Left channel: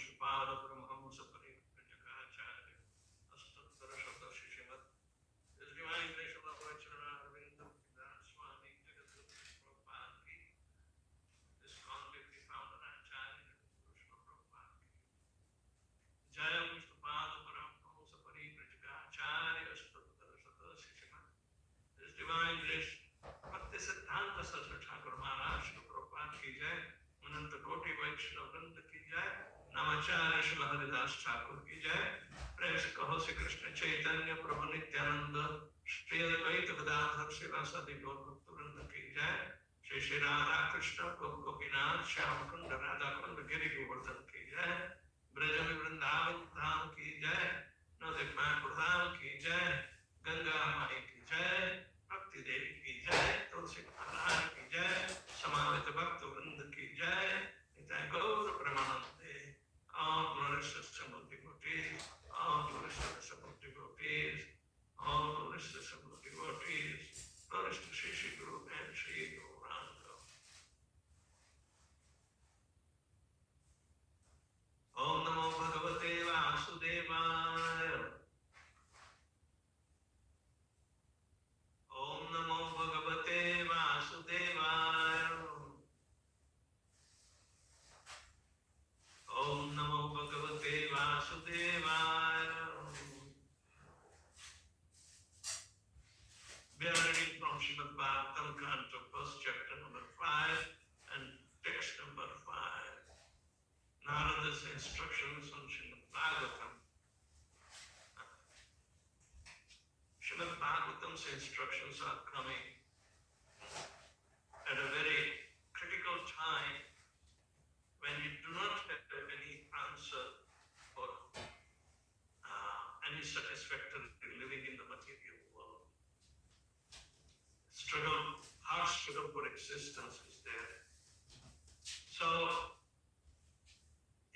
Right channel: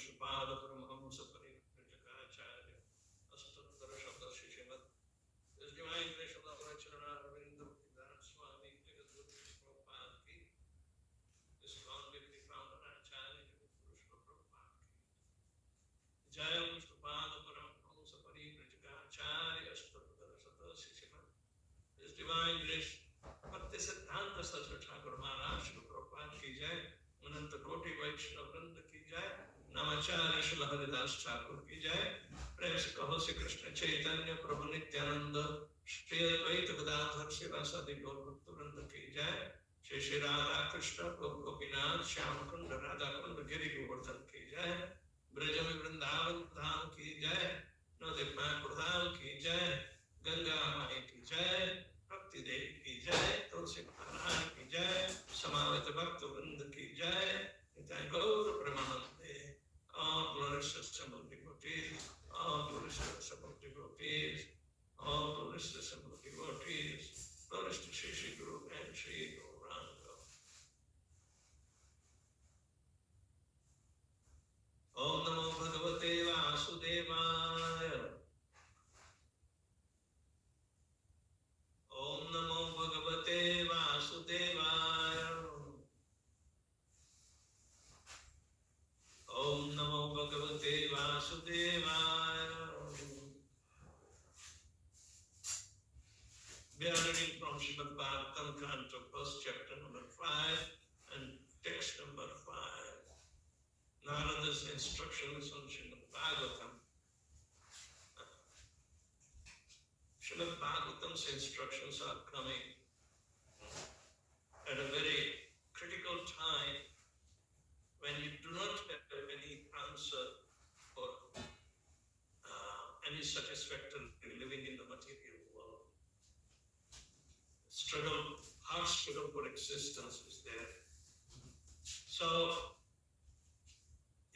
Vishnupada Paramahamsa Parivrajakaacharya Astattara Shabda Shishimat His Divine Grace of Lord Charana Arvinda Swami Jagadguru Prabhupada Ki This convict we found an Acharya Krishna Prabhupada Ki Jaya Vishnupada Paramahamsa Parivrajakaacharya Astattara Shabda Shishimat His Divine Grace Bhakti Siddhanta Saraswati Thakur Maharaj Prabhupada Ki Jai Ananta Koti Vaishnava Vrinda Ki Jai Namacharya Srila Haridas Thakur Ki Jai Prem se kaho Sri Krishna Chaitanya Prabhu Nityananda Shri Advaita Gadadhar Srivasadi Gaur Bhakta Vrinda Ki Jai Shri Shri Radha Krishna Prabhu Gopinath Shyam Kunda Radha Kunda Giri Govardhan Ki Jai Brajami Vrindavan Dham Ki Jai Nadik Mayapur Dham Ki Jai Ganga Mai Ki Jai Bhakti Devi Ki Jai Tulsi Maharaj Ki Jai Samavita Bhakta Vrinda Ki Jai Nitai Gaura Pramanande all glorious assembled devotees, all glorious assembled devotees, all glorious assembled devotees, glorious to Shri Shri Guru and Shri Gauranga. Om Namo Bhagavate Vasudevaya. Om Namo Bhagavate Vasudevaya. Om Namo Bhagavate Vasudevaya. We are reading from Srimad Bhagwatam, Canto 1st, chapter number 5 and text number 5. Narada's instructions on Srimad Bhagwatam. Srimad Bhagwatam's instructions are coming at a very critical time when you do not have any answer for any satisfactory living in the material world. Struggle, hard struggle for existence is there. So,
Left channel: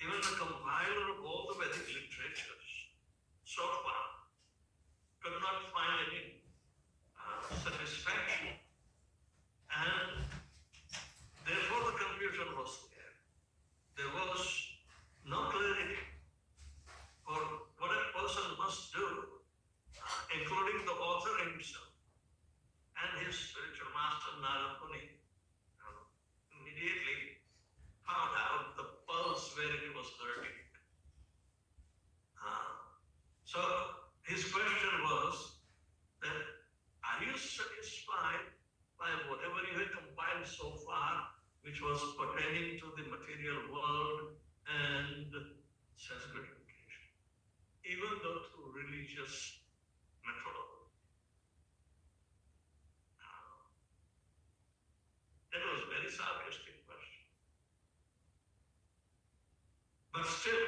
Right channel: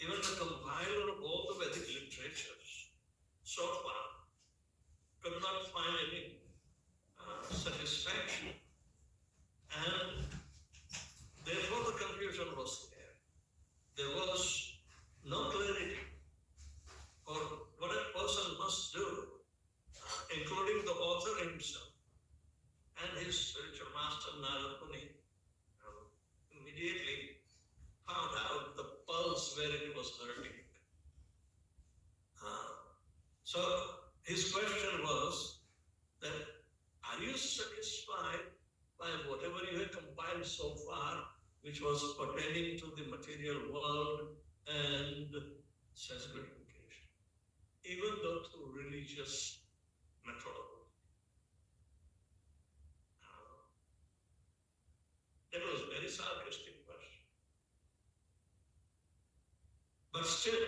even the compiler of all the Vedic literatures so far could not find any satisfaction, and therefore the confusion was there. There was no clarity for what a person must do, including the author himself and his spiritual master Narad Muni immediately found out the pulse where it was hurting. So his question was that, are you satisfied by whatever you have compiled so far, which was pertaining to the material world and sense gratification, even though through religious methodology? That was a very sarcastic question. But still,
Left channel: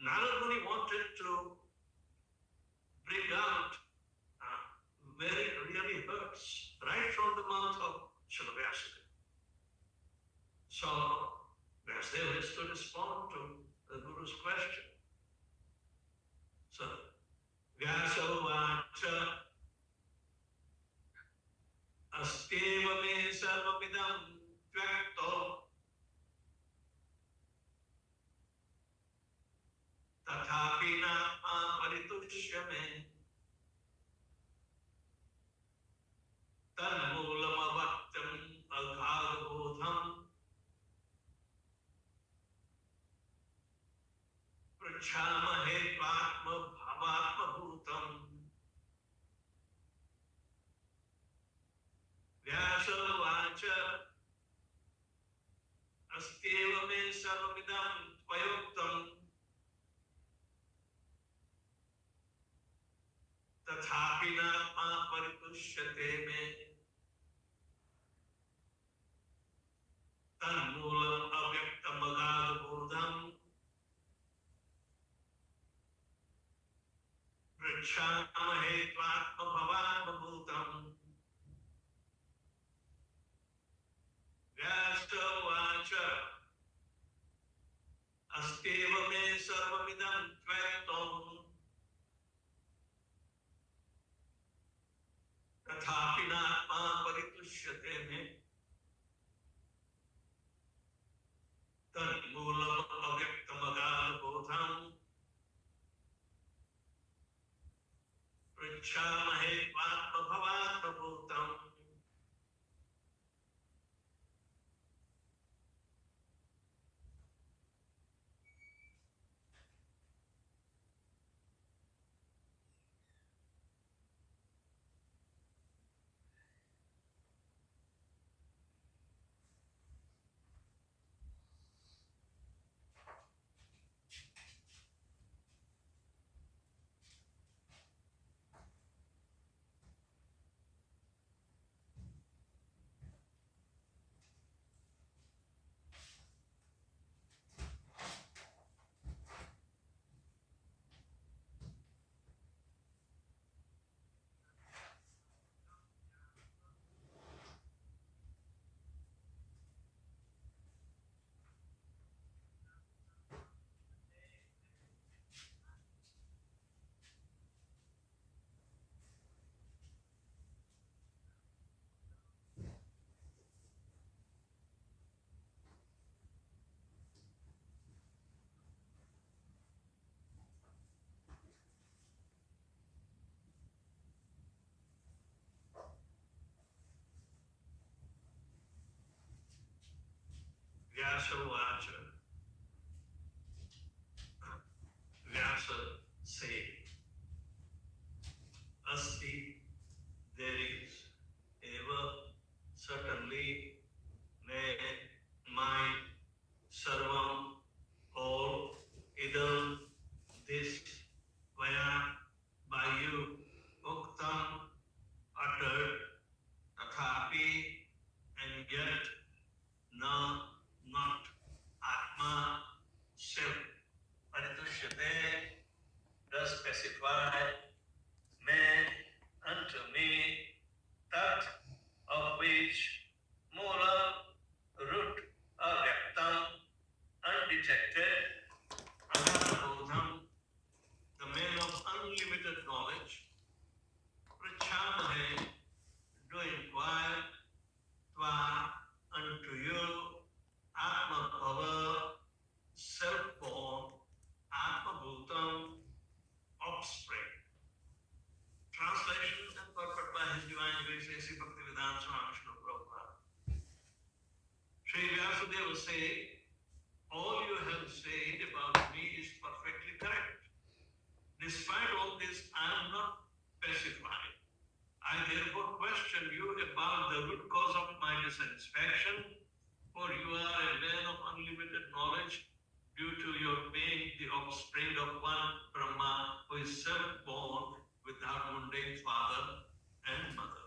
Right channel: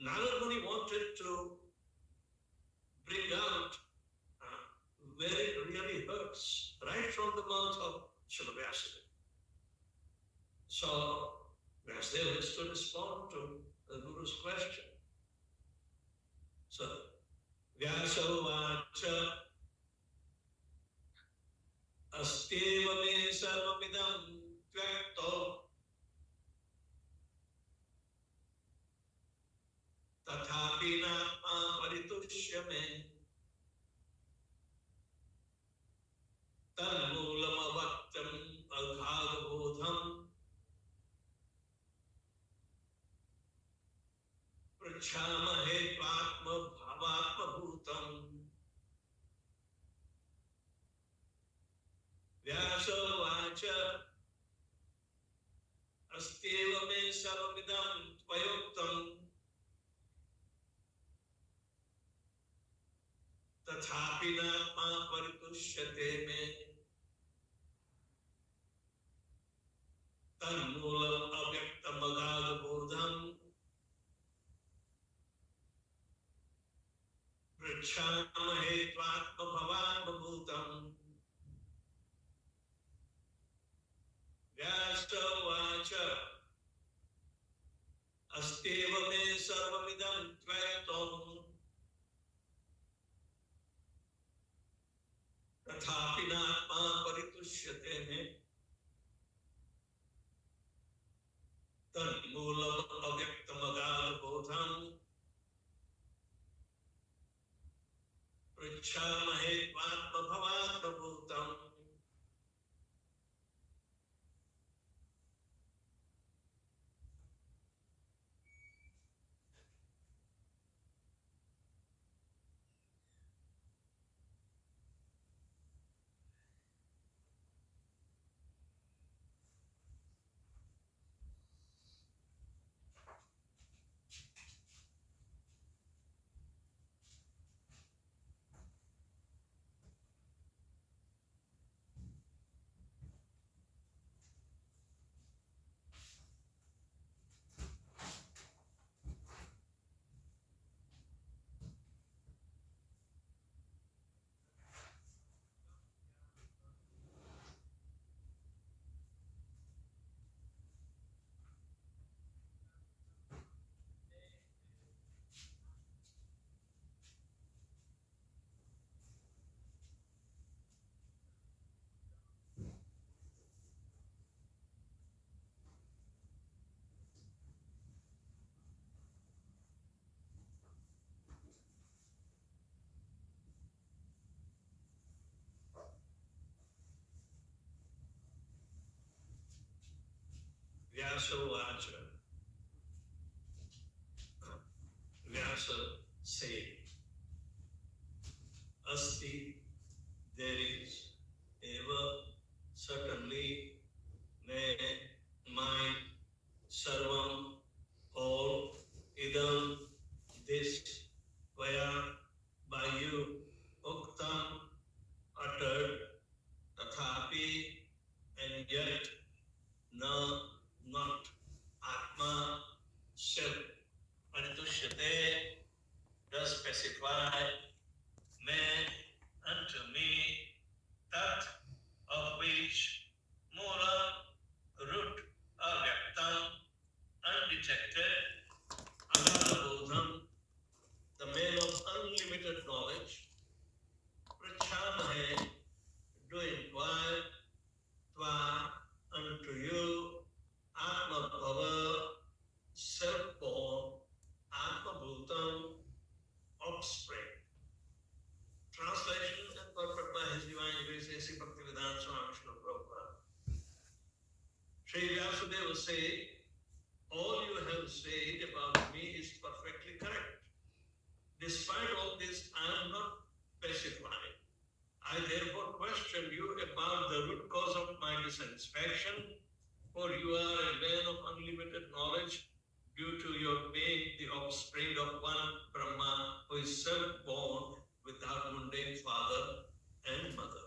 Narad Muni wanted to bring out where it really hurts, right from the mouth of Srila Vyasadeva. So Vyasadeva has to respond to the Guru's question. So Vyasavacha Asteva me sarvamidam tvakto tathapi nama paritushya Tanmoolamavaktam alghadabodham Prachamahe Patma Bhavatma Bhutam Vyasavacha Asteva me sarvamidam tvayuktam Tathapi nama paritushyate me Tanmoolam avyaktam agadabodham Prachamahe tvatma bhavatma bhutam Vyasavacha Asteva me sarvamidam tvayuktam Tathapi nama paritushyate me पृच्छामहे त्वात्मभवात्मभूतम् Vyasa Vyasa said, Asti, there is ever certainly my sarvam, all, idam, this, vaya, by you, uktam, uttered, tathapi, and yet, na, not, atma, self, paritushyate, does specify, me, unto me, tat, of which, mula, root, avyaktam, undetected, ananabodham, the male of unlimited knowledge, prachamahe, do inquire, tva, unto you, atma bhava, self-born, atma bhutam, offspring. Translation and purport by His Divine Grace A.C. Bhaktivedanta Swami Srila Prabhupada. Sri Vyasudeva say, all you have said about me is perfectly correct. Despite all this, I am not pacified. I therefore question you about the root cause of my dissatisfaction, for you are a man of unlimited knowledge due to your being the offspring of one Brahma who is self-born without mundane father and mother.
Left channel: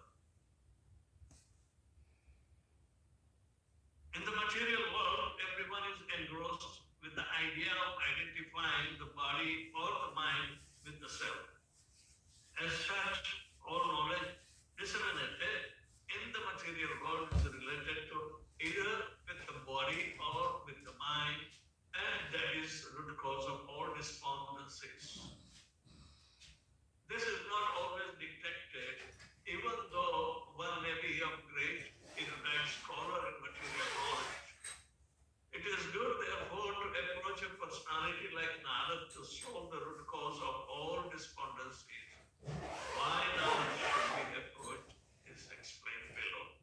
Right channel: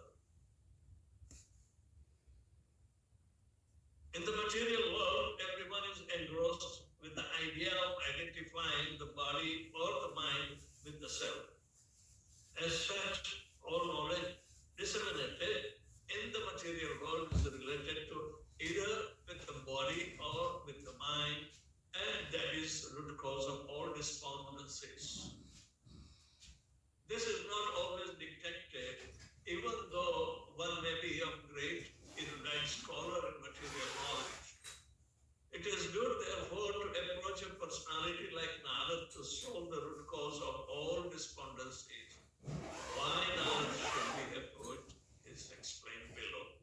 In the material world, everyone is engrossed with the idea of identifying the body or the mind with the self. As such, all knowledge disseminated in the material world is related to either with the body or with the mind, and that is the root cause of all despondencies. This is not always detected, even though one may be of great erudite scholar in material knowledge. It is good, therefore, to approach a personality like Narad to solve the root cause of all despondencies. Why Narad should be approached is explained below.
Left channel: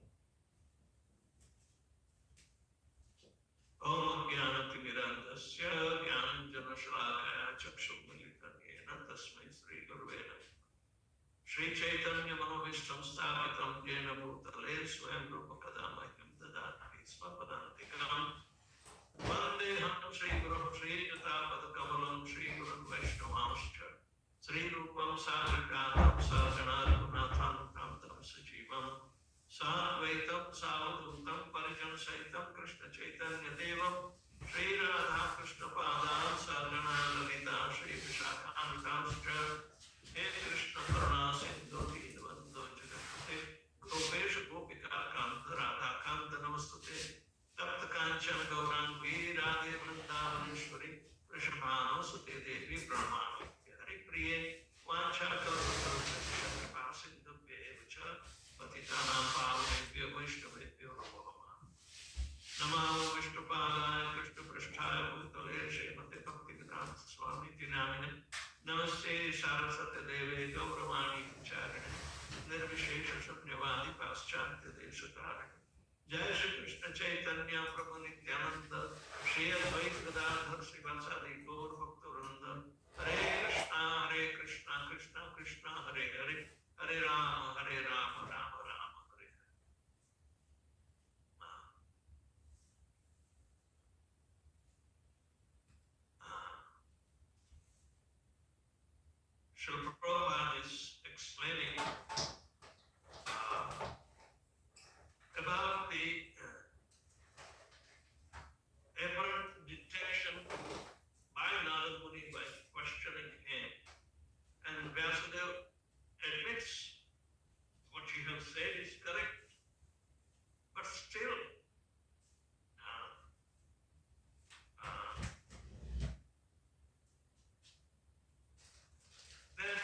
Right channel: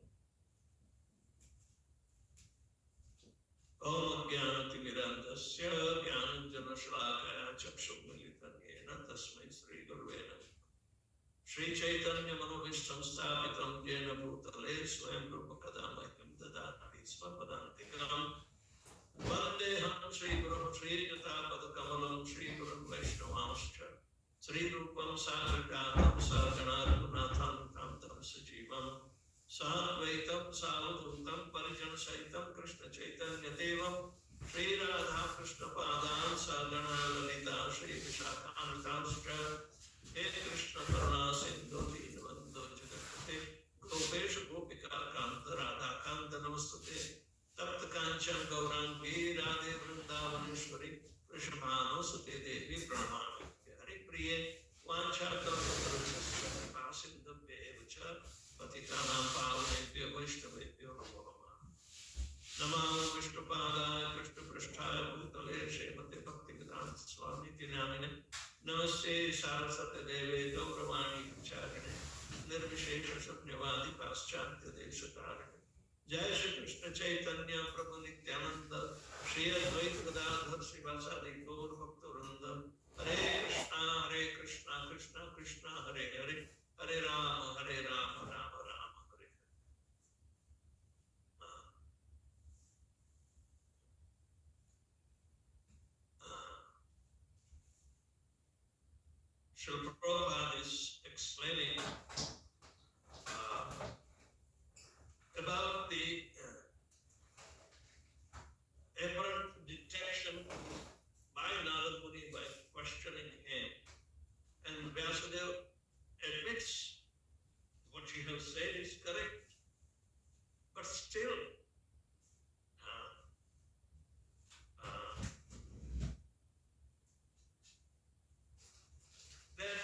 Om Jnanatimirandasya Jnananjanashalakaya Chakshumilitanena Tasmai Sri Gurve Namah. Sri Chaitanya Manovistam Sthapitam Jena Bhutale Swayam Rupa Kadamahyam Dadati Svapadantikam Vandeham Sri Guru Sri Yatapada Kamalam Sri Guru Vaishnavamscha Sri Rupam Sagragatam Saganaragunathan Tamtam Sajivam Sadvaitam Savadhutam Parijan Saitam Krishna Chaitanya Devam Sri Radha Krishna Padam Sagana Lalita Sri Vishakamitamscha He Krishna Karuna Sindhu Dinavando Jagapate Gopesha Gopika Kanta Radha Kanta Namastate Tapta Kanchan Gaurangi Radhe Vrindavaneshwari Krishnamano Sute Devi Brahmano Hari Priye Vancha Karuna Kripa Sindhu Bevacha Patitanam Pavanebhyo Vaishnavebhyo Namo Namah Namo Vishnupadaya Krishna Pristhaya Bhutale Srimate Bhaktivedanta Krishna Chaitanya Prabhu Nityananda Shri Advaita Gadadhar Srivasadi Gaur Bhakta Hare Krishna Krishna Krishna Hare Hare Hare Rama Rama Rama Hare Hare. Srila Prabhupada is explaining about the apparent detection by Narada Muni by questioning him. And Vyasadeva admits what you have said is correct, but still then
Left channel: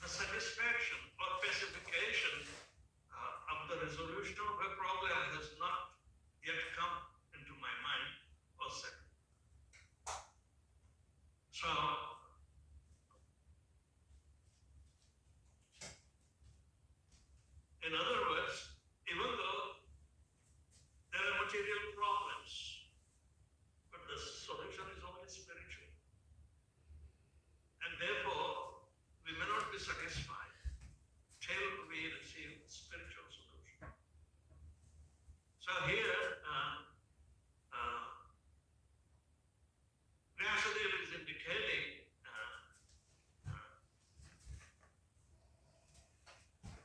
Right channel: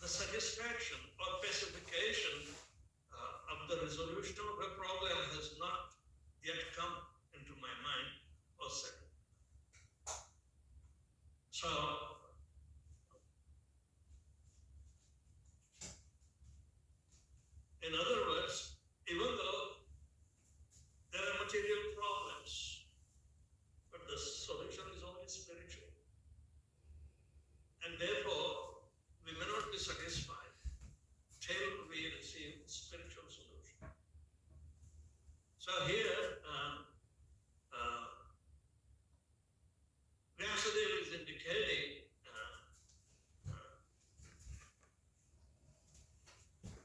the satisfaction or pacification of the resolution of a problem has not yet come into my mind or settled. So, in other words, even though there are material problems, but the solution is only spiritual. And therefore, we may not be satisfied till we receive spiritual solution. So here, Vyasadeva is indicating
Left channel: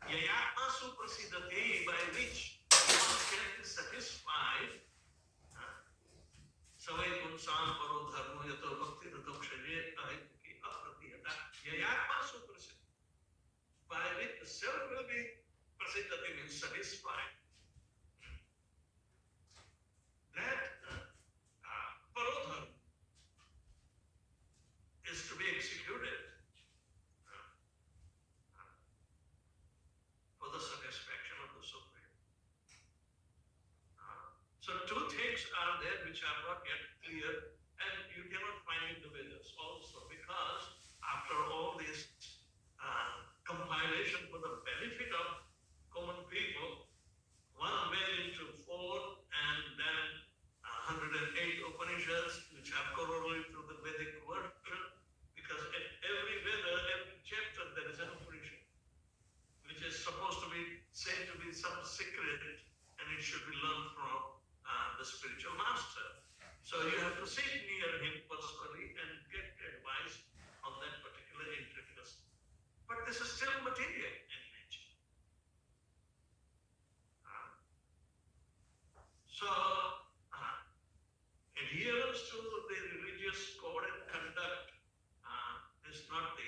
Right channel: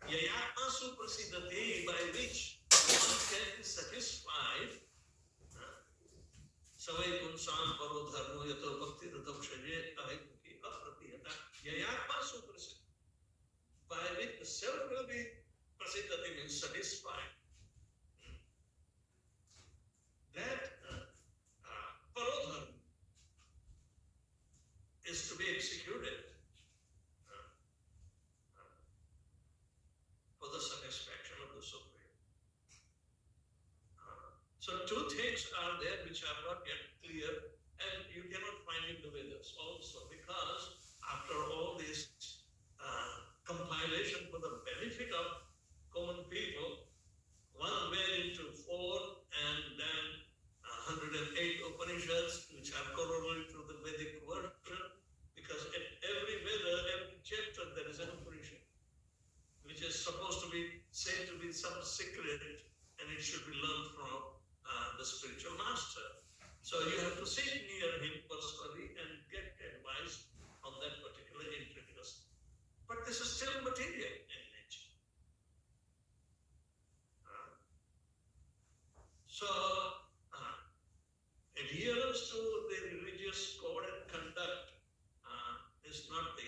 Yayatma Suprasidati, by which one can be satisfied. Savai Kunsam Paro Dharmo Yato Bhakti Rato Kshaje Ahituki Apratiyata. Yayatma Suprasidati, by which the self will be prasidati, means satisfied. That parodharma is to be executed for the satisfaction of the Supreme. So two things are there which are not yet clear, and you cannot find in the Vedas also, because after all this compilation for the benefit of common people, one went into 4 and then 108 Upanishads, which are corollary to the Vedic version, because at every Veda, every chapter, there is an Upanishad, which is supposed to be said to be some secret, and it should be learned from the spiritual master. So you have to sit near him personally and get advice on that particular intricacy. But this is still material in nature. So adherence to the religious code and conduct is not the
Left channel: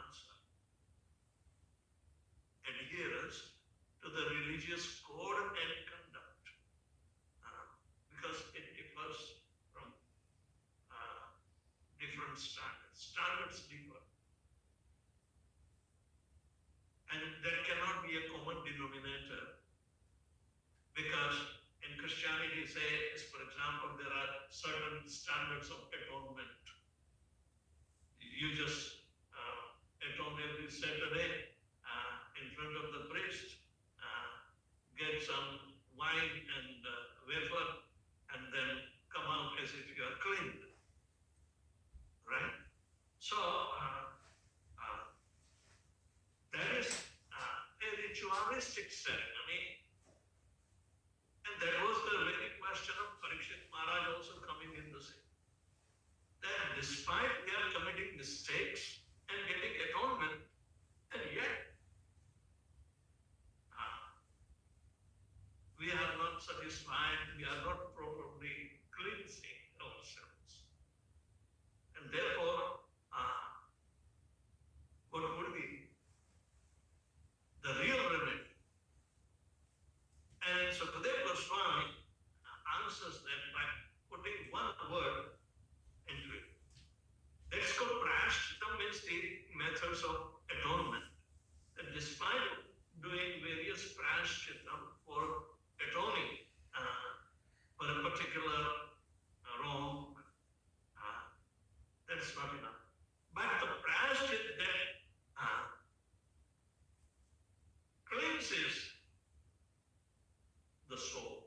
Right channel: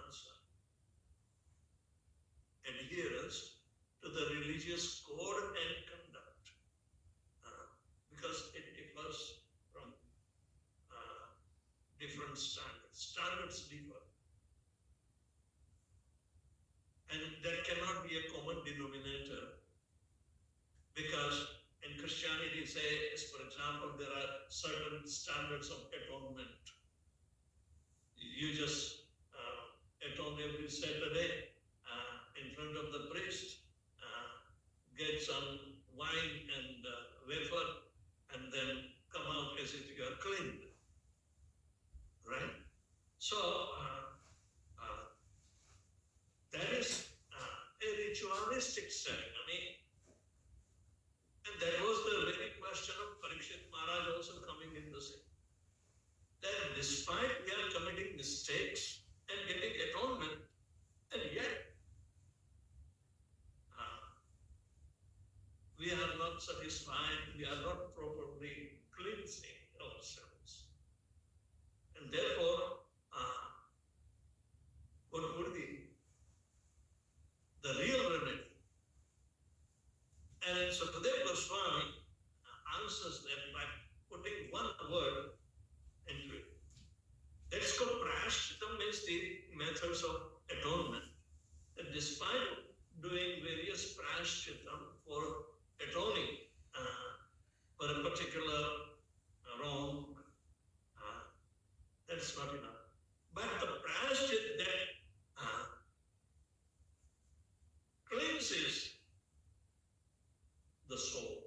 answer. Adherence to the religious code and conduct, because it differs from different standards. Standards differ. And that cannot be a common denominator, because in Christianity, say, for example, there are certain standards of atonement. You just atone every Saturday in front of the priest, get some wine and wafer, and then come out as if you are cleaned. Right? So, that is a ritualistic ceremony. And that was the very question of Parikshit Maharaj also coming in the same. That despite they are committing mistakes and getting atonement, and yet we are not satisfied, we are not properly cleansing ourselves. And therefore, what would be the real remedy? And Sukadeva Goswami answers that by putting one word into it. That's called prashchitam, means the methods of atonement. That despite doing various prashchitam for atoning for a particular wrong, that is not enough. But the prashchit that cleanses the soul,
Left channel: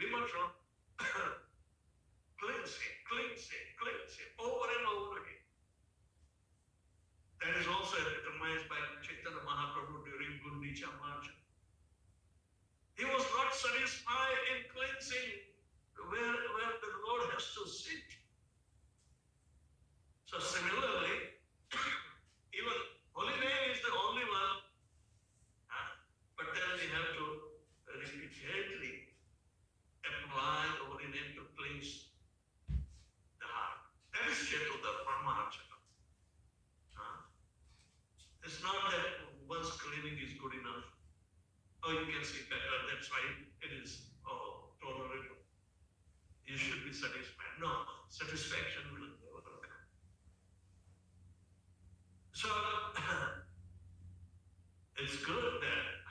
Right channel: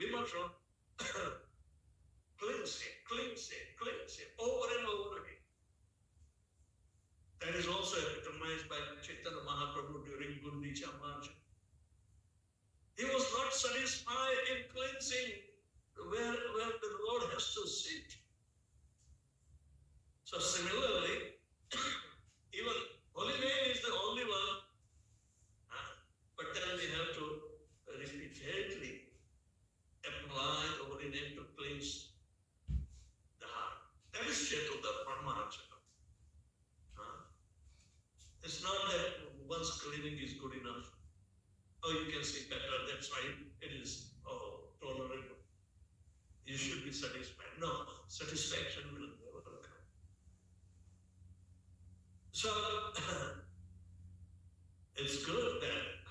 Vimarshanam, cleansing, over and over again. That is also epitomized by Chaitanya Mahaprabhu during Gundicha March. He was not satisfied in cleansing where the Lord has to sit. So similarly, even Holy Name is the only one, but then we have to repeatedly apply the Holy Name to cleanse the heart. That is Chetuda Paramahansa. It's not that once cleaning is good enough. Oh, you can see better, that's why it is tolerable. You should be satisfied. No, satisfaction will never come. So, it's good that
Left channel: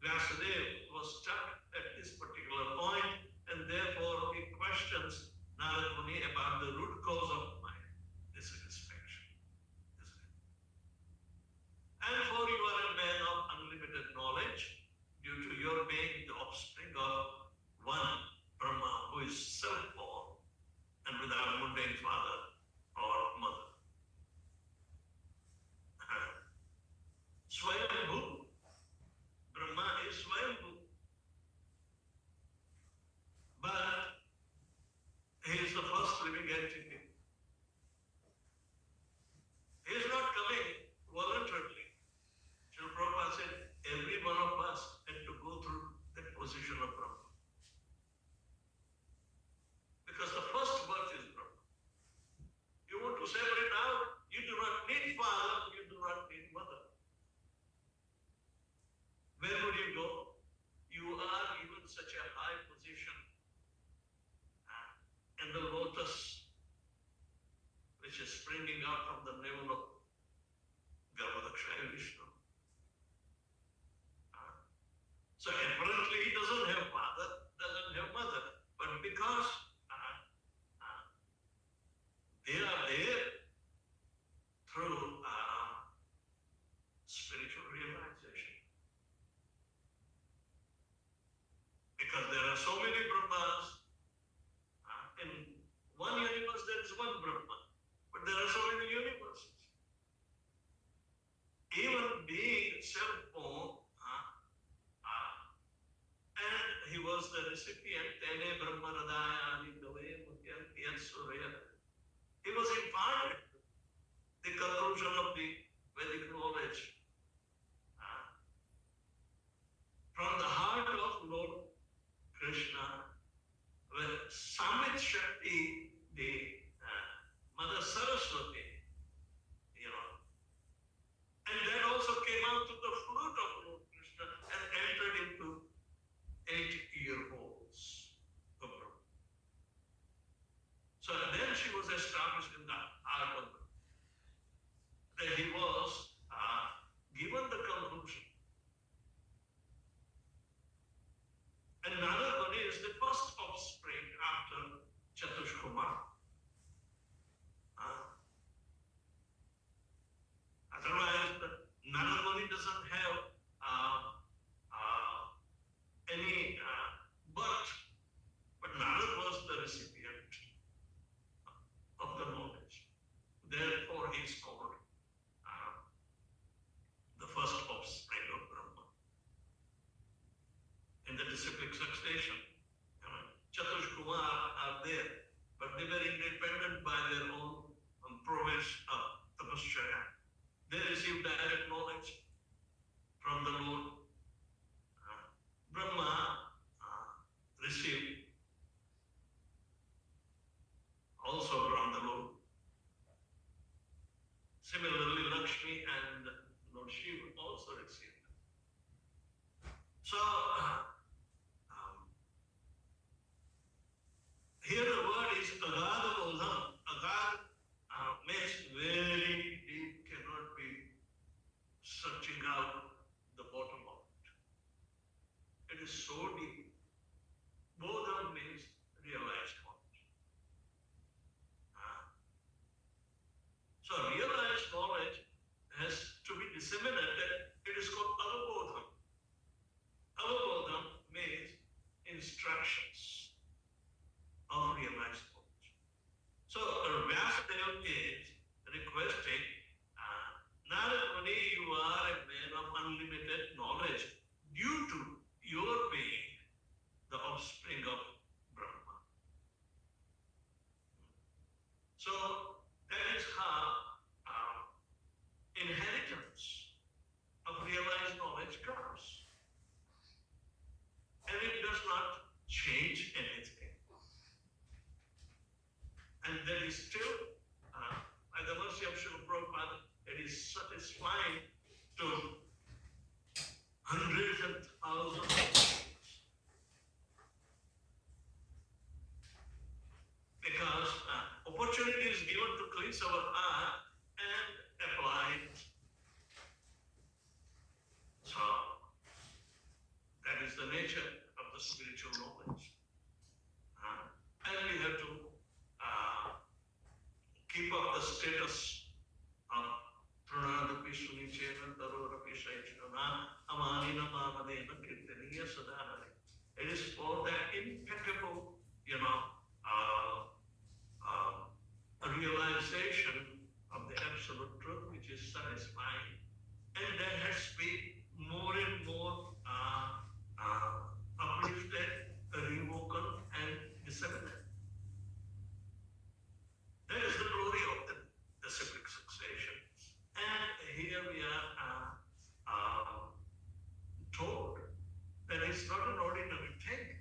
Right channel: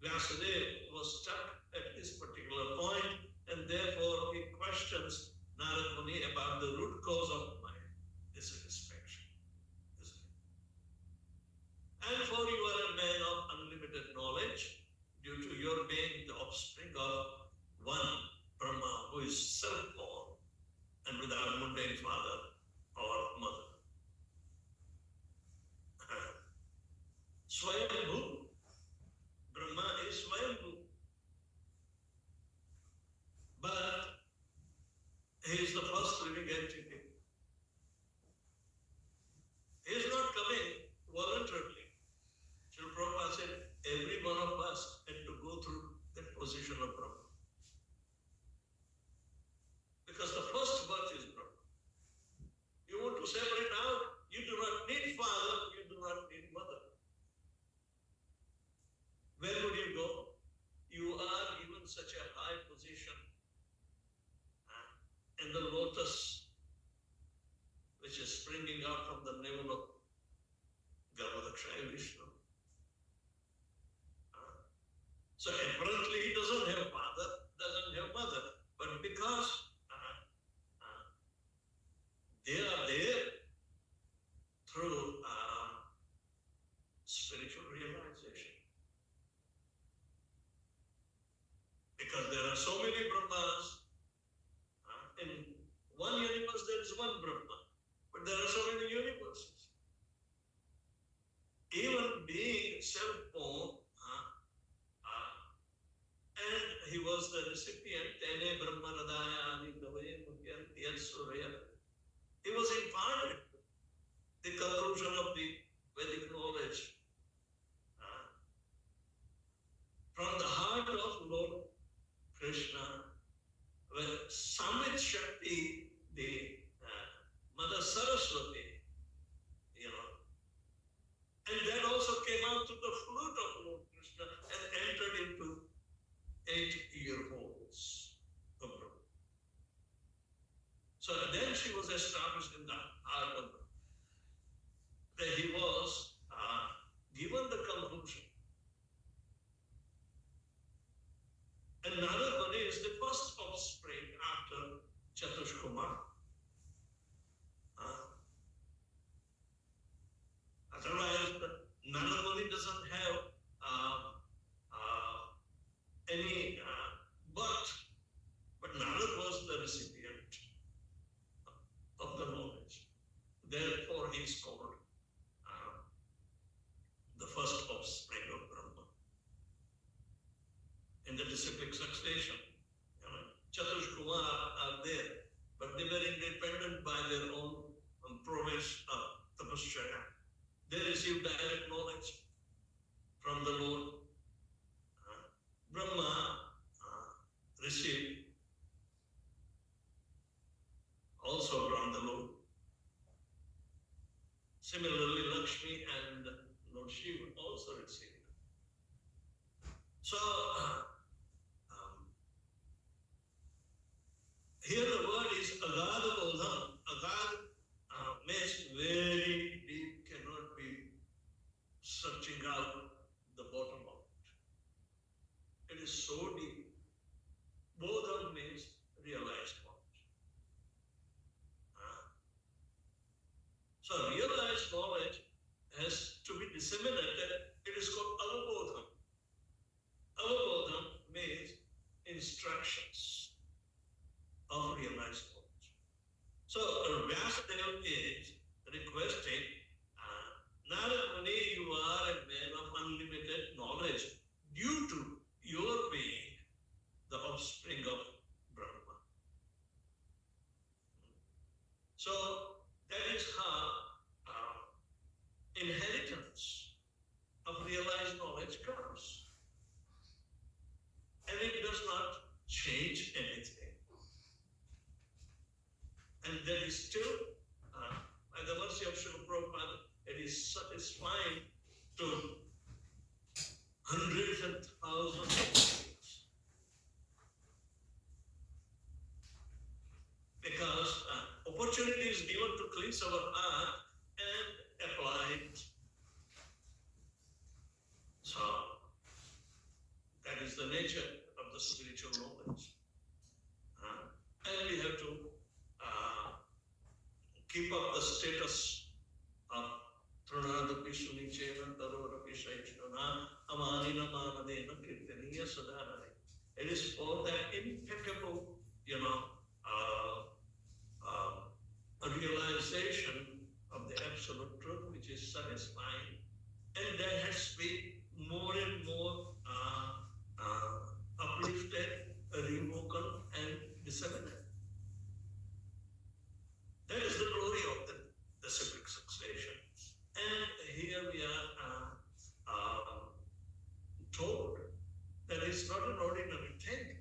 Vyasadeva was stuck at this particular point, and therefore he questions Narad Muni about the root cause of my dissatisfaction. And for you are a man of unlimited knowledge, due to your being the offspring of one Brahma who is self-born and without mundane father or mother. Swayambhu, Brahma is Swayambhu. But he is the first living entity. He is not coming voluntarily. Srila Prabhupada said, every one of us had to go through that position of Brahma. Because the first birth is Brahma. You want to separate out, you do not need father, you do not need mother. Where would you go? You are given such a high position in the lotus, which is springing out from the navel of Garbhodakshaya Vishnu. So apparently he doesn't have father, doesn't have mother, but because they are there through spiritual realization. Because there are so many Brahmas. In one universe there is one Brahma, but there are so many universes. Even being self-born, and he was the recipient, Tene Brahma Radaya Nidave Mukyanti Surya. He was imparted the conclusion of the Vedic knowledge from the heart of Lord Krishna, where Samit Shakti, the Mother Saraswati, and that also came out to the flute of Lord Krishna and entered into 8 ear holes of Brahma. So then she was established in the heart of Brahma. Then he was given the conclusion. And Narad Muni is the first offspring after Chatushkumar. instructions of realized knowledge. So Vyasadeva is requesting, Narad Muni, you are a man of unlimited knowledge due to your being the offspring of Brahma. So that is how inheritance of realized knowledge comes. And it does not change anything. And that is still, by the mercy of Srila Prabhupada, it is satisfying to hundreds and thousands of souls. Because opportunity is given to cleanse our heart and apply it. So, that is the nature of the spiritual knowledge. And we have to keep up the status of Trunadapi Sunichena Tarorapi Shaishana Amanina Mamadena Kirtaniya Sadhanare. It is for that impeccable, realization of the absolute truth which is satisfying, and that has been more and more uplifted, rewoken, and disseminated. That is the glory of the civic succession. And here we are told that it's not an ordinary thing.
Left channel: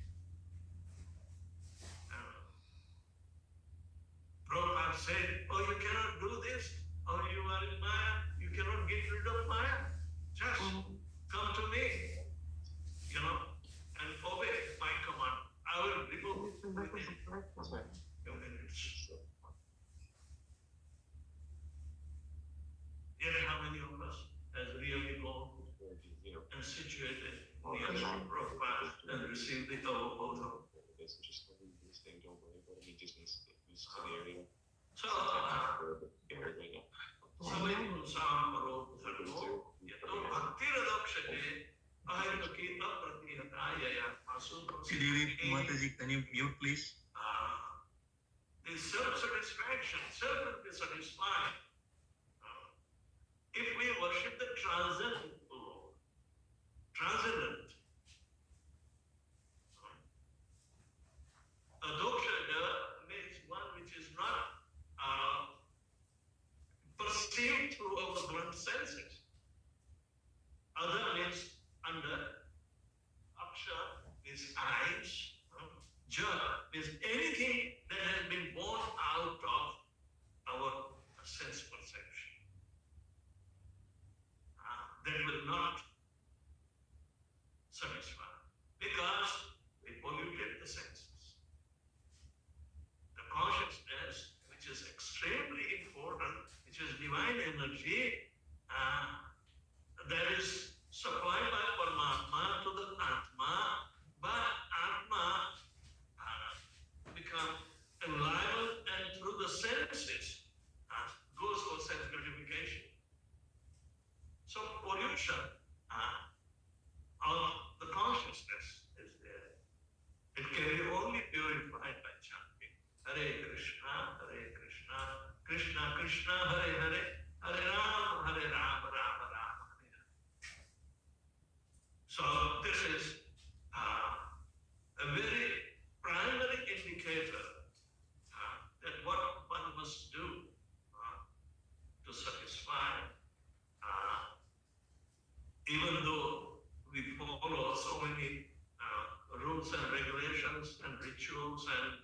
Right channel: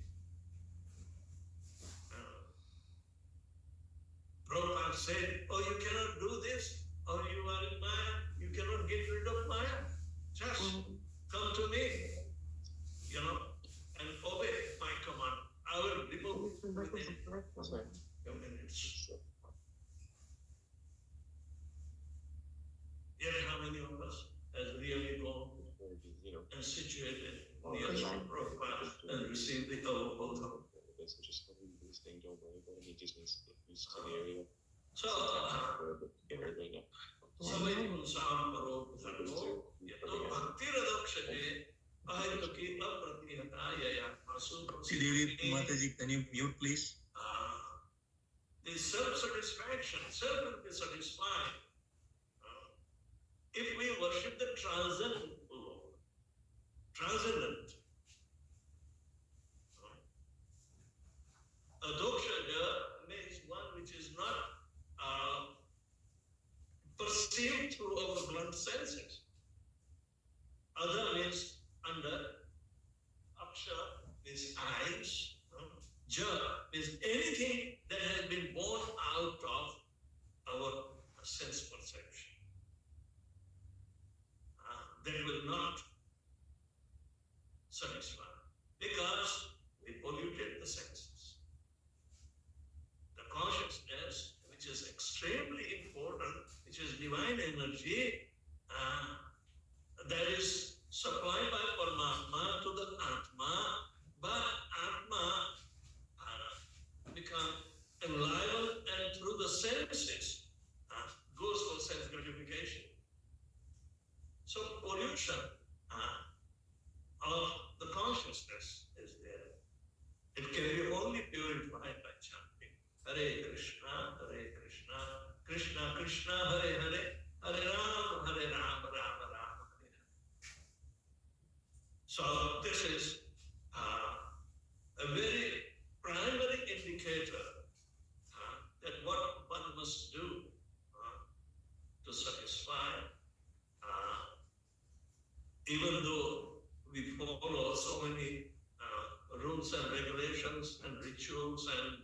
Prabhupada said, oh, you cannot do this, or you are in Maya, you cannot get rid of Maya. Just come to me, and obey my command. I will remove it within a minute. Yet how many of us has really gone and situated near Prabhupada and received the avobodha? So, Samay Pulsam Paro Dharmo Yato Bhakti Radakshate Ahayakita Pratnihatayaya Asu Mataji, can you mute please? The self-satisfaction, self will be satisfied. If we worship the transcendent Lord, transcendent, Adokshaja means one which is not perceived through our blunt senses. Other means under, Aksha means eyes, Ja means anything that has been born out of our sense perception. That will not satisfy because we polluted the senses. The consciousness, which is extremely important, which is divine energy, that is supplied by Paramatma to the Atma, but Atma become enlivened and through the senses goes for sense gratification. So pollution of the consciousness is there. It can be only purified by chanting Hare Krishna, Krishna Krishna, Hare Hare, Hare Rama, Rama Rama, Hare Hare. So this is a very primary indicator that what one must do to satisfy, even though we follow so many rules and regulations and rituals and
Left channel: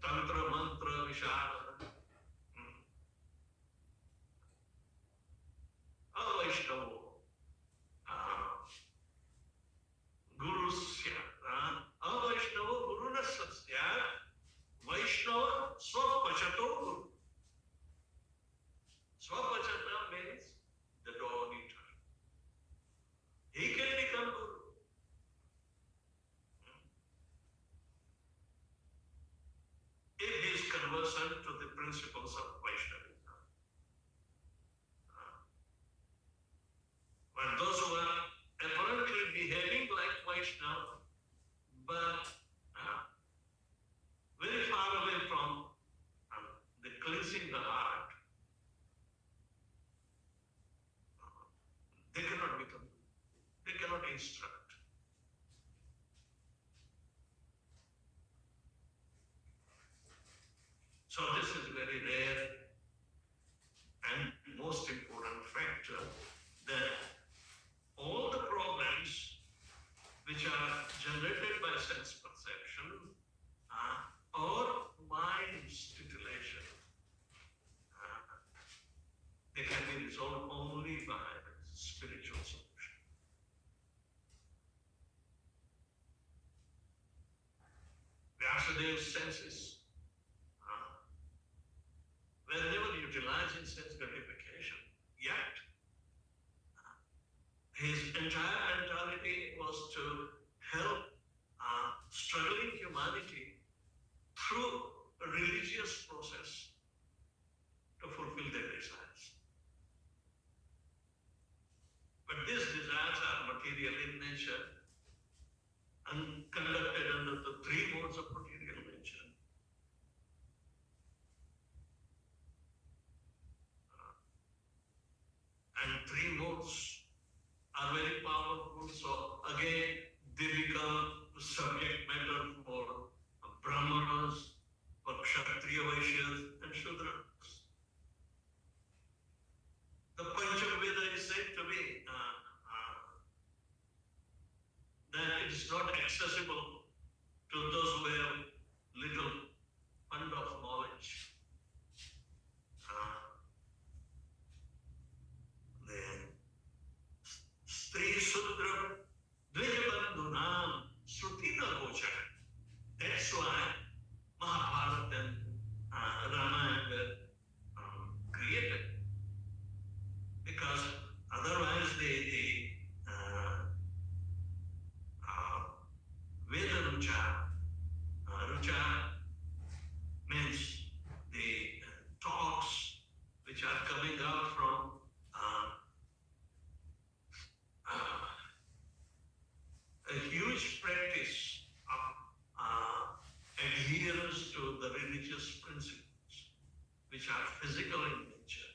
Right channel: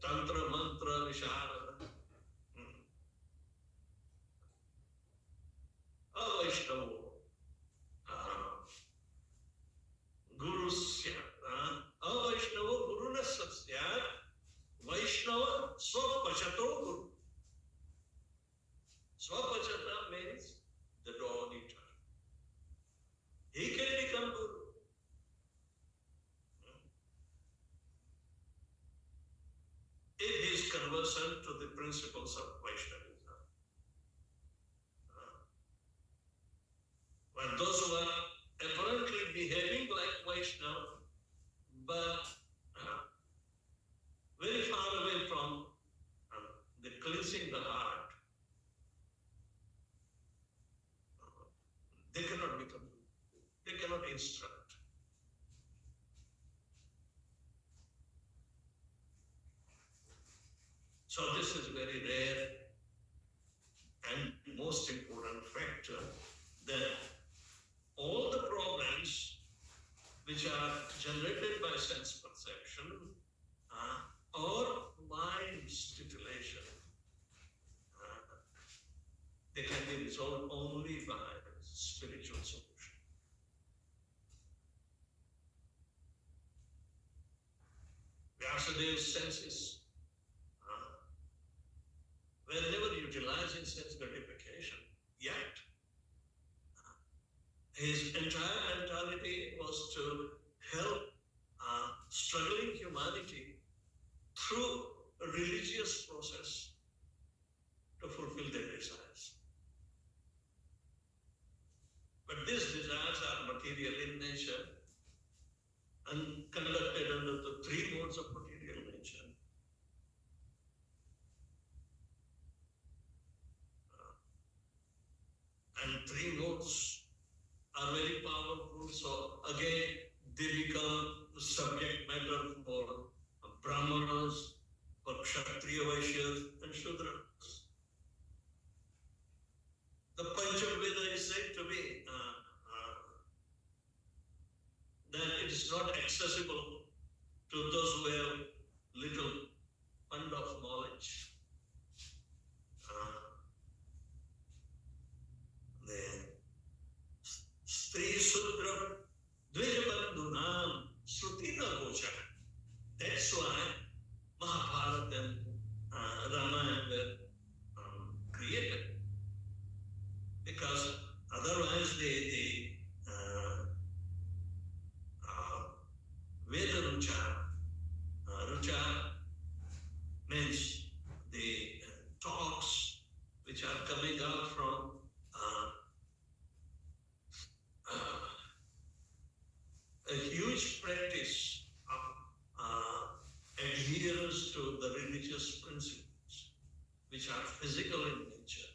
tantra, mantra, vishara, Vaishnava, Gurusya, Vaishnava Guruna Satsya, Vaishnava Swapachato Guru. Swapachata means the dog eater. He can become Guru. If he is conversant to the principles of Vaishnavism. But those who are apparently behaving like Vaishnava, but very far away from the cleansing the heart. They cannot become, they cannot instruct. So this is very rare and most important factor, that all the problems which are generated by sense perception or mind titillation, they can be resolved only by spiritual solution. Vyasadev's senses were never utilized in sense gratification, yet his entire mentality was to help struggling humanity through a religious process to fulfill their desires. But these desires are material in nature and conducted under the three modes of material nature. And three modes are very powerful, so again they become the subject matter for Brahmanas, for Kshatriya Vaishyas and Shudras. The Panchaveda is said to be that it is not accessible to those who have little fund of knowledge. Stri Sudra Dvijabandhunam Srutina Gocha. That's why Mahabharata and Ramayana were created. Because otherwise the Veda Rucha means the talks which are coming out from a huge practice of adherence to the religious principles which are physical in nature.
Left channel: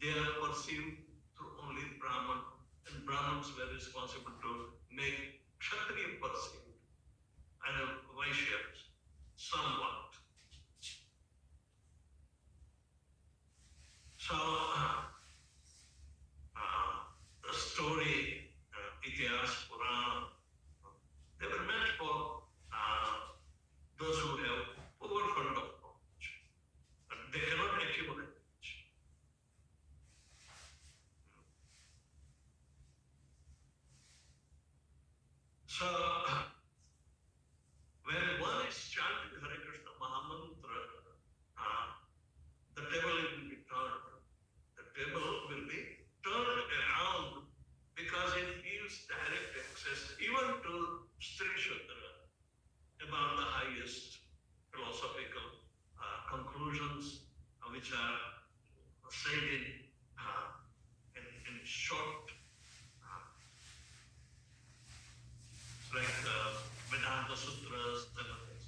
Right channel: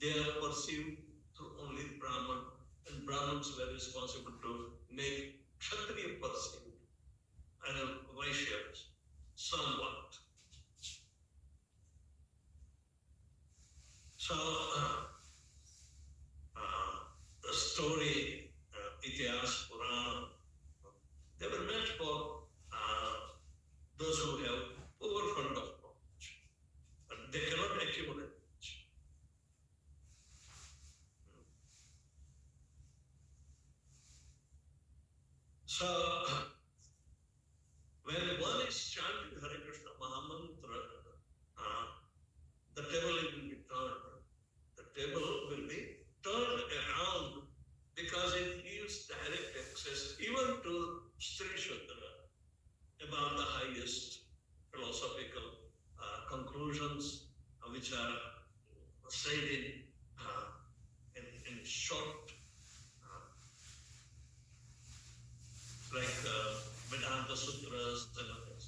They are perceived through only Brahman, and Brahmins were responsible to make Kshatriya perceived and Vaishyas somewhat. So the story, Itihas, Purana, they were meant for those who have overfund of knowledge, but they cannot accumulate knowledge. So when one is chanting Hare Krishna Mahamantra, the table will be turned. The table will be turned around because it gives direct access even to Stri Shudra about the highest philosophical conclusions which are said in short, like Vedanta Sutras and others.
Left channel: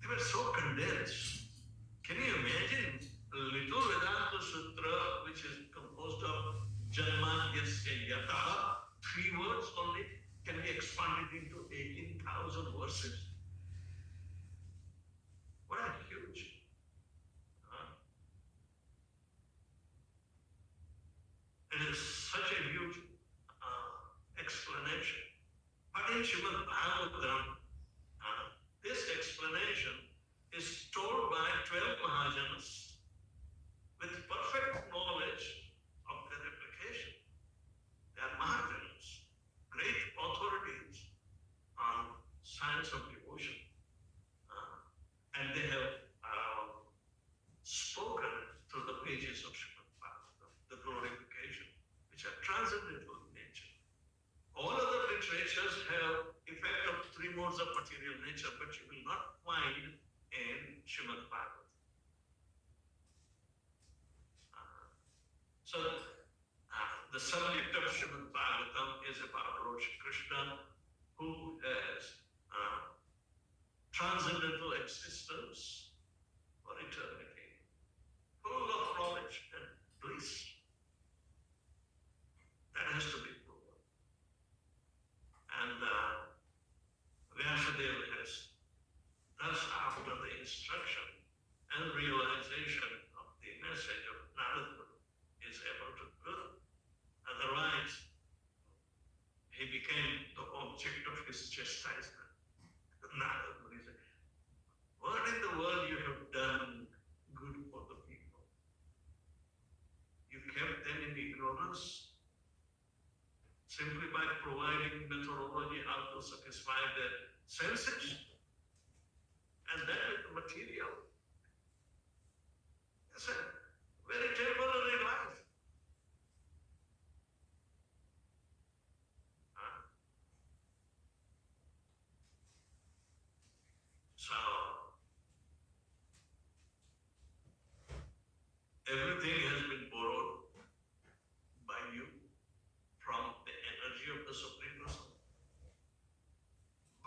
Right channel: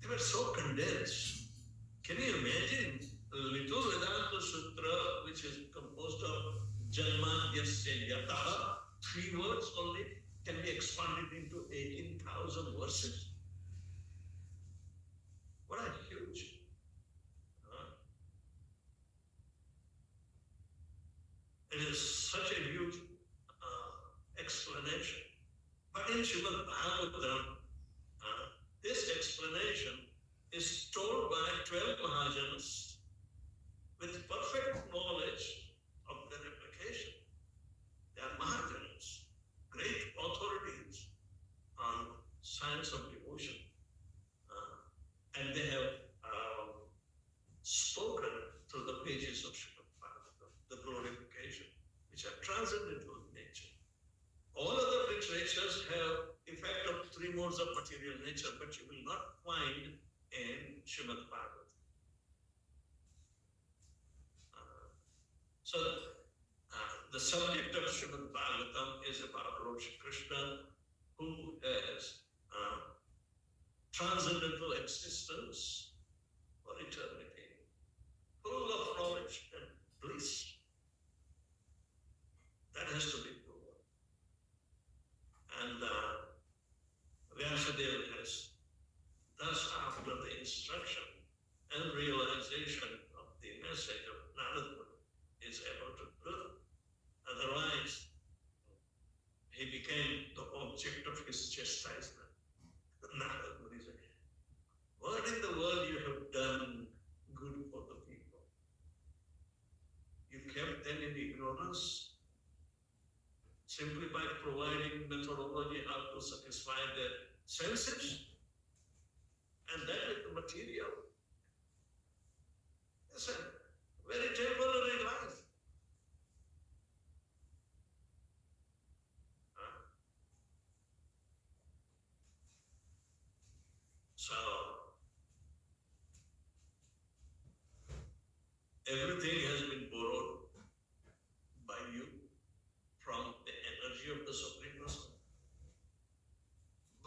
They were so condensed. Can you imagine a little Vedanta Sutra which is composed of Janmadyasya Yataha, 3 words only, can be expanded into 18,000 verses? What a huge. It is such a huge explanation. But in Srimad Bhagwatam, this explanation is told by 12 Mahajanas with perfect knowledge of their application. They are Mahajanas, great authorities on science of devotion. And they have spoken through the pages of Srimad Bhagavatam, the glorification, which are transcendental in nature. All other literatures have effect of 3 modes of material nature, but you will not find in Srimad Bhagavatam. So the subject of Srimad Bhagavatam is about Lord Shri Krishna who has transcendental existence for eternity, full of knowledge and bliss. That has to be proven. And Vyasadeva has, thus after the instruction and realization of the message of Narada, is able to do. Otherwise, he became the object of his chastisement. Narada said, what in the world you have done good for the people? You kept them in ignorance simply by providing methodology how to satisfy their senses, and that with the material. It's a very temporary life. So, everything has been borrowed by you from the energy of the Supreme Person.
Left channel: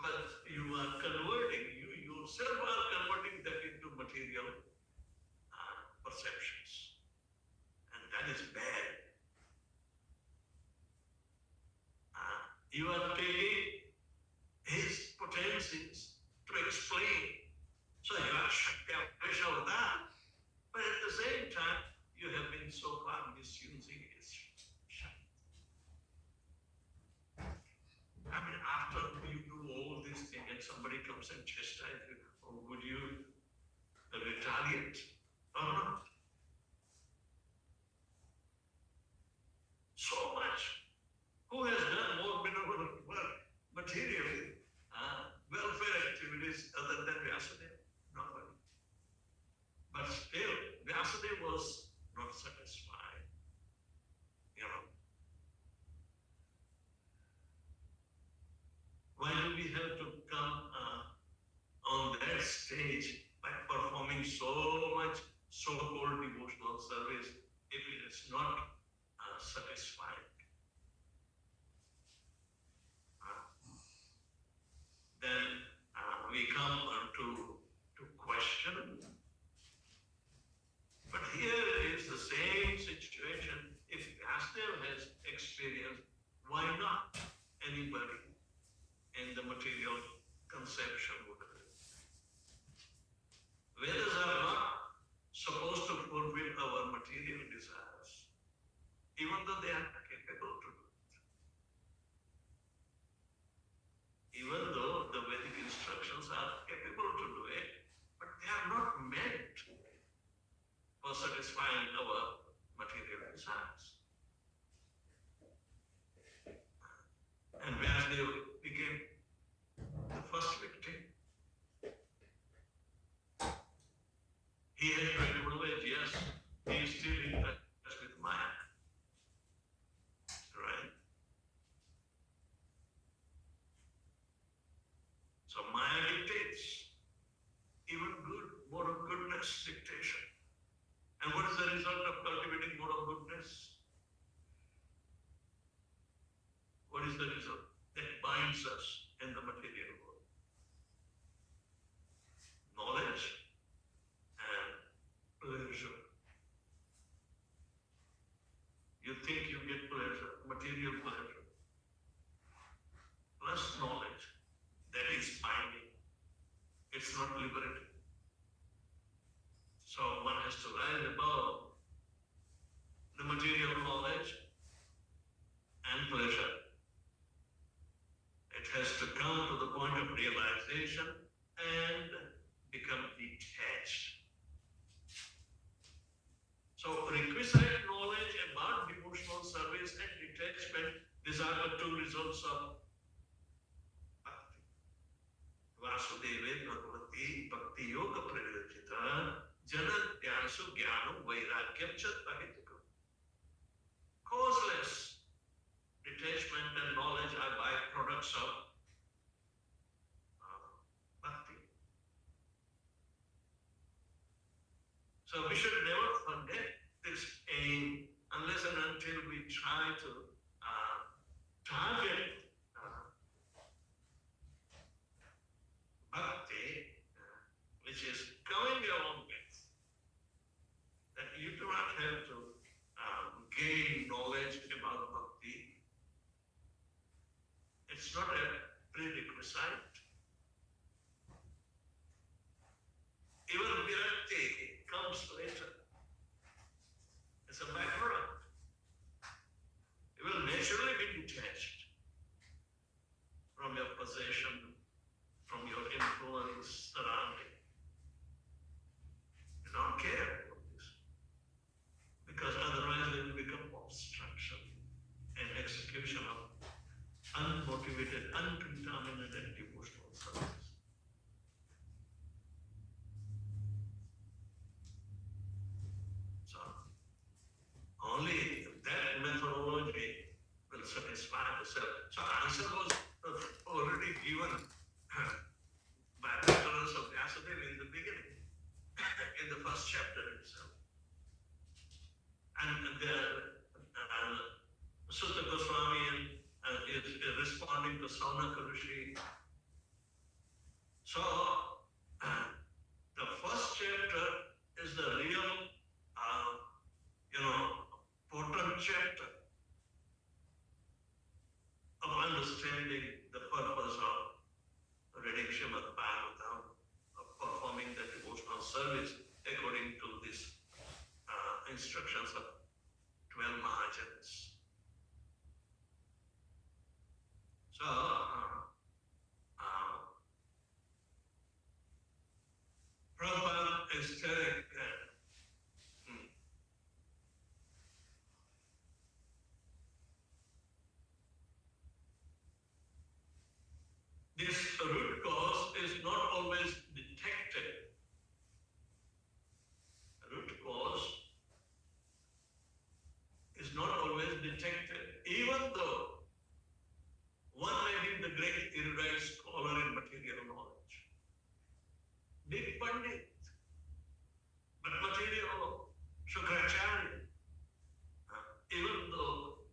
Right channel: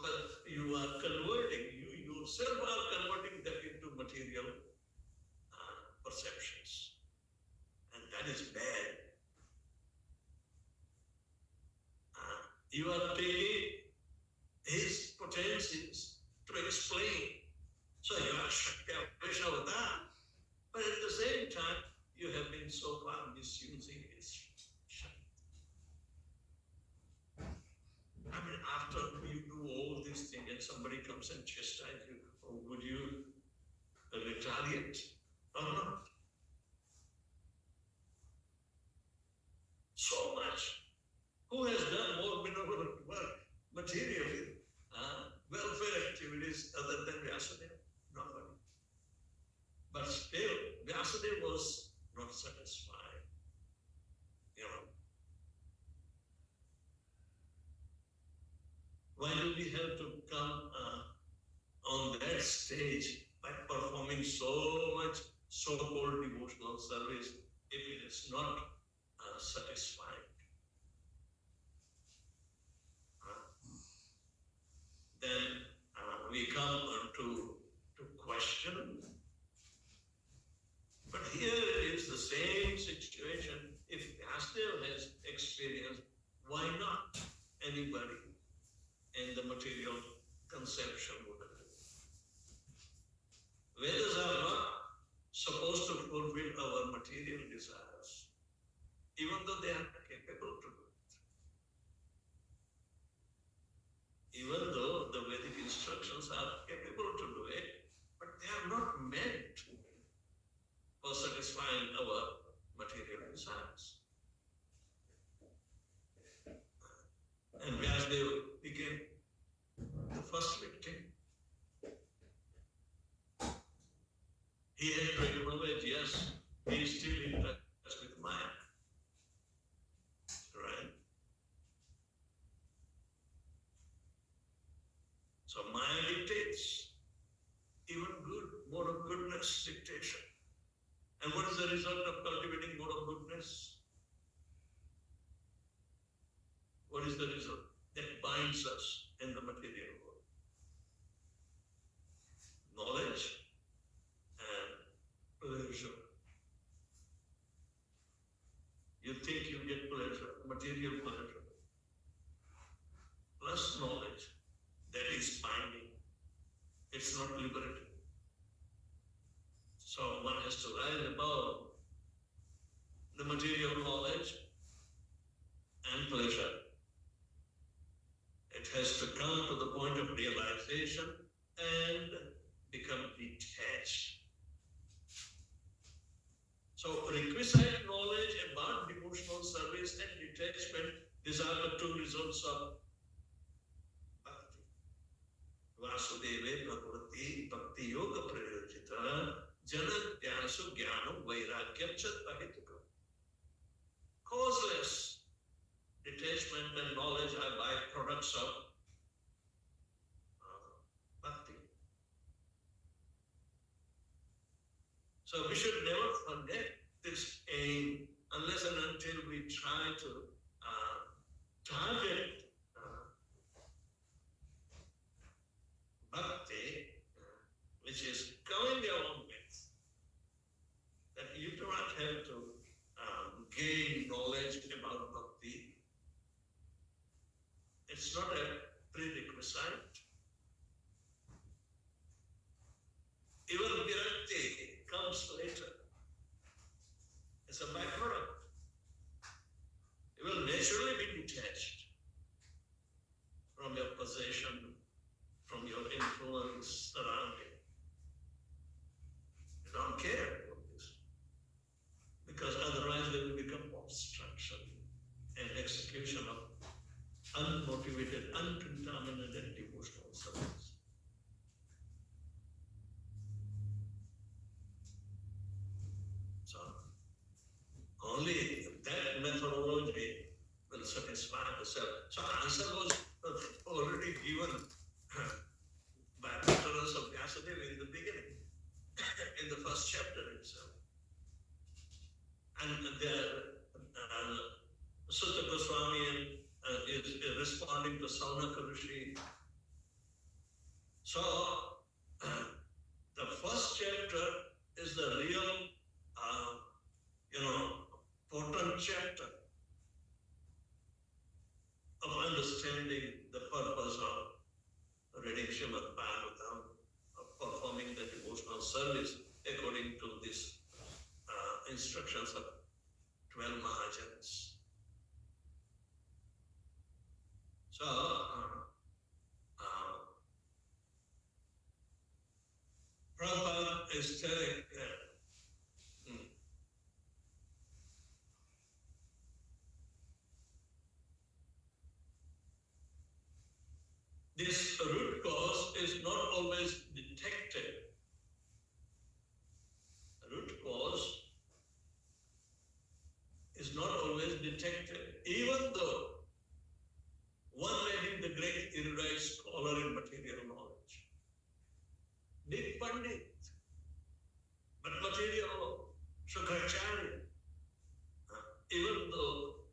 But you are converting, you yourself are converting that into material perceptions. And that is bad. You are taking his potencies to explain. So you are Shakti Aveshavata, but at the same time, you have been so far misusing his Shakti. I mean, after you do all these things and somebody comes and chastises you, would you retaliate or not? So much. Who has done more benevolent work materially, welfare activities other than Vyasadeva? Nobody. But still, Vyasadeva was not satisfied. You know. Why do we have to come on that stage by performing so much so-called devotional service if it is not satisfying? Then we come to question. But here is the same situation. If Vyasadeva has experienced, why not anybody in the material conception would have? Vedas are not supposed to fulfill our material desires, even though they are capable to do it. Even though the Vedic instructions are capable to do it, but they are not meant for satisfying our material desires. And Vyasadeva became the first victim. He had to acknowledge, yes, he is still in touch with Maya. Right? So Maya dictates, even good, more of goodness dictation. And what is the result of cultivating more of goodness? What is the result? That binds us in the material world. Knowledge and pleasure. You think you get pleasure, material pleasure, plus knowledge. That is binding. It's not liberating. So one has to rise above the material knowledge and pleasure. It has to come to the point of realization and become detached. So requisite knowledge about devotional service and detachment, these are the two results of bhakti. Vasudeve Bhagwati Bhakti Yoga Prayojita Janadhyasu Jnanam Vairagyam Chattahitukam. Causeless detachment and knowledge are byproducts of bhakti. So we should never forget this aim unless and until we try to target which is coming along with that you do not have to gain knowledge about bhakti. It's not a prerequisite. Even virakti comes later. It's a byproduct. You will naturally be detached from your possession, from your influence surrounding. You don't care about this. Because otherwise it will become obstruction and execution of unmotivated, uncontaminated devotional service. So, only that methodology will satisfy the self. So, answer was already given by utterance of Vyasadeva in the beginning, in the first chapter itself. And Sutta Goswami is responding to Saunaka Rishi. So, the first chapter is the real, potent chapter of understanding the purpose of reading Srimad Bhagwatam, of performing the devotional service according to these instructions of 12 Mahajans. So, Prabhupada is telling that this root cause is not always detected. Root cause is not always detected, even though one may be the great erudite scholar in material knowledge, big Pandit, but material Shukracharya, even though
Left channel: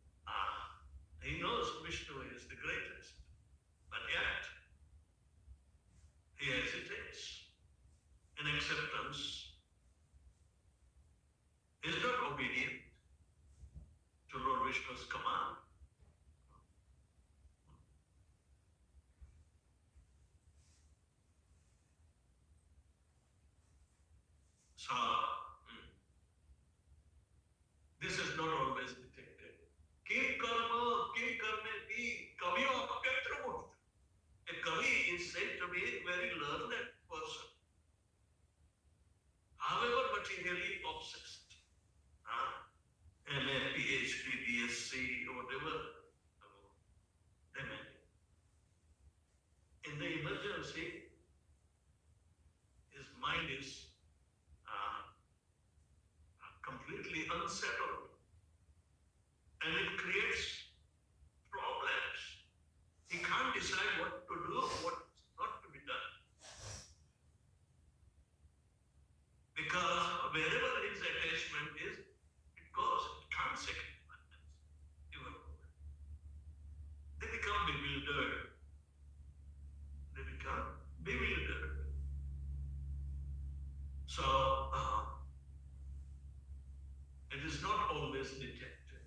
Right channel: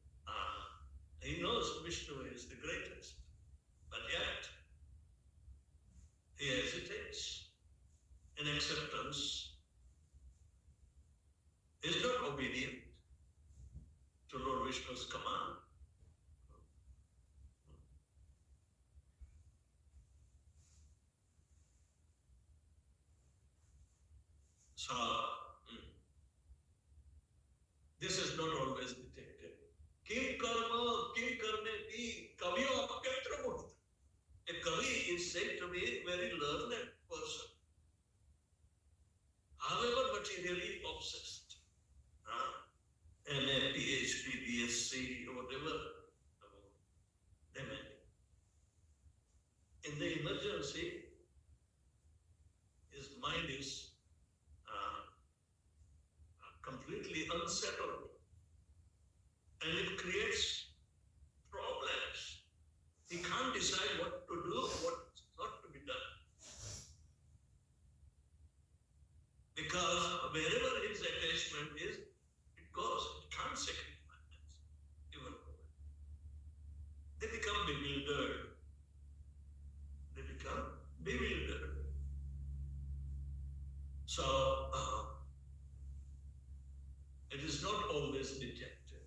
he knows Vishnu is the greatest, but yet he hesitates in acceptance, is not obedient to Lord Vishnu's command. So, this is not always detected. Kim karma, kim karme pi, kaviyo apyatra murta. A kavi is said to be a very learned person, however materially obsessed. MA, PhD, BSc, or whatever they may be. In the emergency, his mind is completely unsettled, and it creates problems. He can't decide what to do, what's not to be done. Because wherever his attachment is, it goes. It can't sacrifice even. They become bewildered. They become bewildered. So, it is not always detected.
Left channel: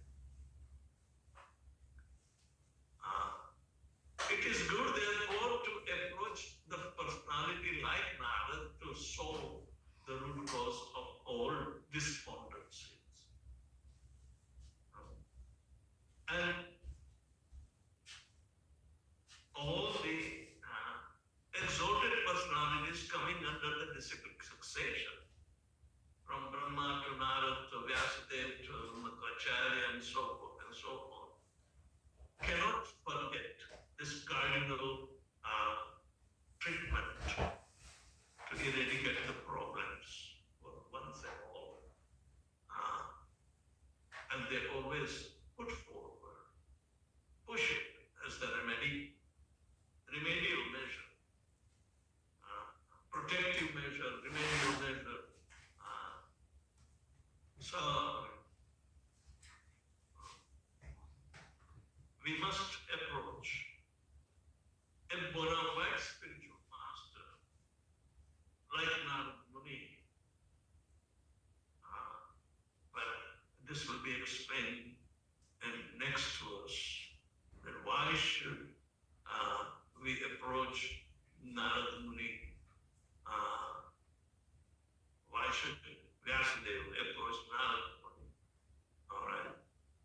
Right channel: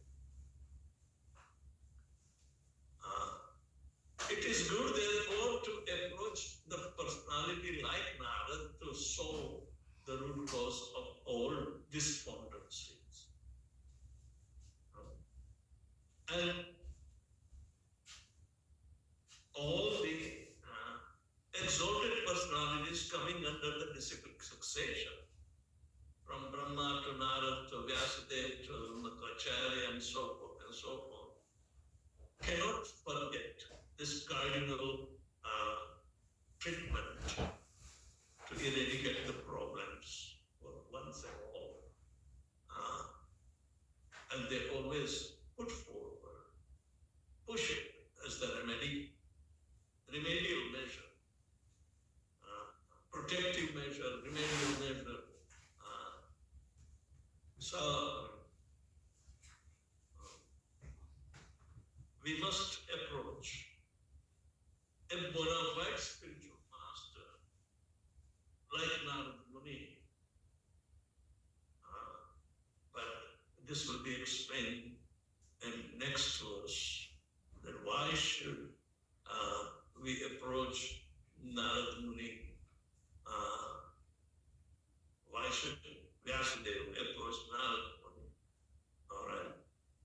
It is good, therefore, to approach the personality like Narad to solve the root cause of all despondencies. And all the exalted personalities coming under the disciplic succession, from Brahma to Narad to Vyasadeva to Madhvacharya and so forth, cannot forget this cardinal treatment to eradicate the problems once and all. And they always put forward, push it as the remedial measure, protective measure, remedial measure. So, we must approach explain in next verse that why should we approach Narad Muni? Why should Vyasadeva approach Narad Muni? All right.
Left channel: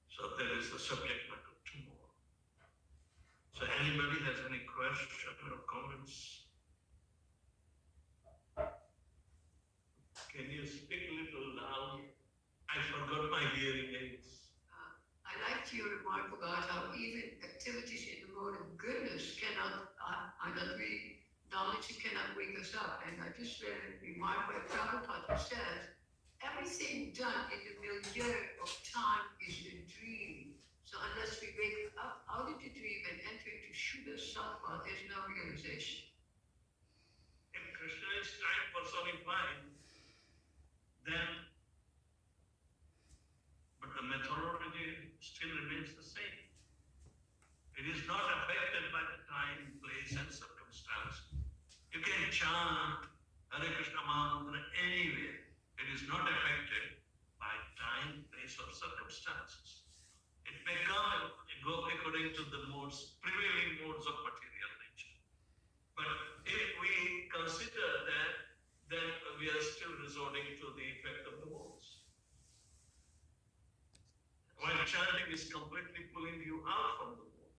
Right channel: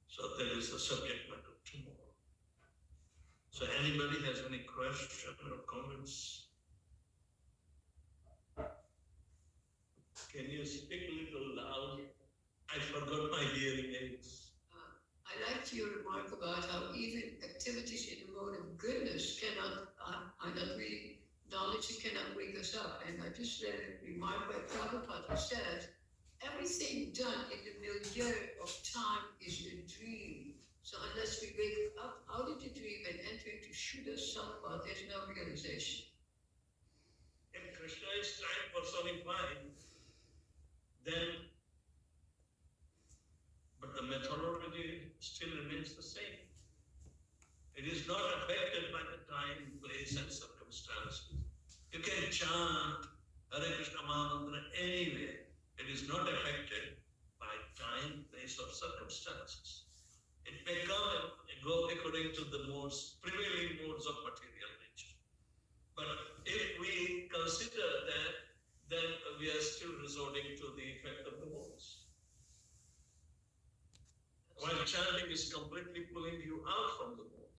So that is the subject matter tomorrow. So anybody has any question or comments? Can you speak a little loud? I forgot my hearing aids. I liked your remark about how even activities in the mode of goodness cannot, knowledge cannot wake us up. And I just read a remark by Prabhupada who says, everything done in the milieu of time is a dream. So unless we wake up out of the dream and enter into Shuddha Sattva, there's no realization. If Krishna is time personified, then, but the methodology still remains the same. It is not affected by the time, place, and circumstances. You can chant Hare Krishna Mahamantra anywhere. It is not affected by time, place, or circumstances. It may come and go according to the prevailing modes of material nature. But if we consider that, then we are still resorting to the effect of the modes. While chanting is completely pulling you out from